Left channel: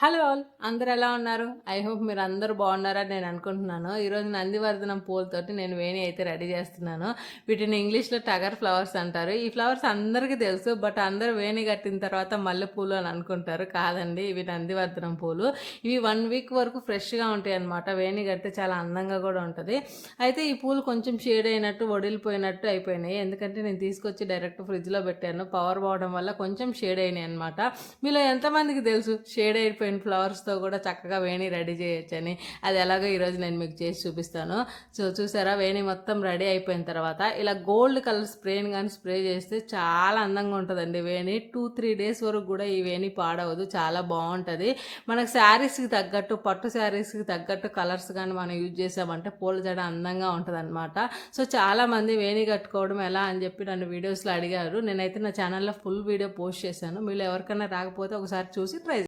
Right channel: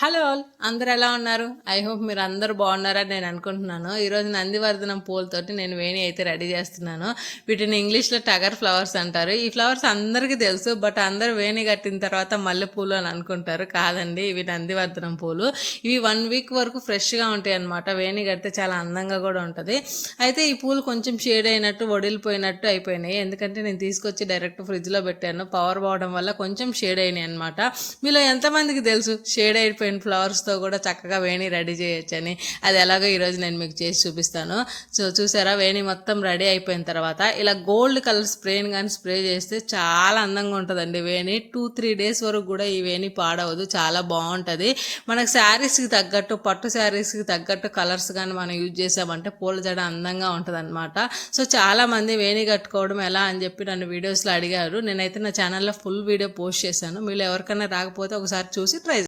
Hello all. అందరు ఎలా ఉన్నారు? ఐ హోప్ మీరు అందరూ బాగున్నారని నేను అనుకుంటున్నాను. ఈరోజు నందివర్ధనం పూలతోటి నేను వేణి అయితే రెడీ చేస్తున్నాను. వీటిని ఇంగ్లీష్లో టగర్ ఫ్లవర్స్ అంటారు. ఈ ఫ్లవర్స్ అందరికీ తెలుసు బట్ అందరూ వేణి కట్టిన తర్వాత మల్లె పూలు అని అనుకుంటారు. కాదండి ఇవి నందివర్ధనం పూలు. ఇవి వన్ వీక్ వరకు ఫ్రెష్గా ఉంటాయి అన్నమాట. వేణి కడితే చాలా అందంగా కూడా ఉంటుంది. అయితే ఈ పూలు కొంచెం షేడ్ అయినట్టు వడిలిపోయినట్టు అయిపోయినాయి. ఎందుకంటే నేను తీసుకొచ్చి డైరెక్ట్ ఫ్రిడ్జ్లో పెట్టాను. పవర్ పోవడం వల్ల కొంచెం షేడ్ అయినాయి అనమాట మీలో ఎంతమందికి తెలుసు? షేడ్ అయిపోయిన ఫ్లవర్స్తో కూడా చక్కగా వేణి రెడీ చేయొచ్చని. అది ఎలాగో ఈరోజు నేను మీకు చేసి చూపిస్తాను. సో చూసారా? వేణి మొత్తం రెడీ అయిపోయిన తర్వాత ఇలా గోల్డ్ కలర్ స్ప్రేని కానీ స్ప్రే చేస్తే చాలా అందంగా ఉంటుందండి వేణి. టూ త్రీ డేస్ వరకు కూడా ఈ వేణి పాడవదు. చాలా బాగుంటుంది. మనకు శారీస్కి తగ్గట్టు పట్టు శారీస్కి తగ్గట్టు కలర్స్ కానీ మనం యూజ్ చేసామంటే పూల జడ అందంగా ఉంటుంది అనమాట సో చాలామంది వేణి కట్టుకోవడం ఎలా అని చెప్పి నన్ను వీడియోస్లో అడిగారు. నేనైతే నా ఛానల్లో ఫుల్ వీడియో పోస్ట్ చేశాను. మీరు ఎవరికైనా రాకపోతే ఒకసారి చూసి ట్రై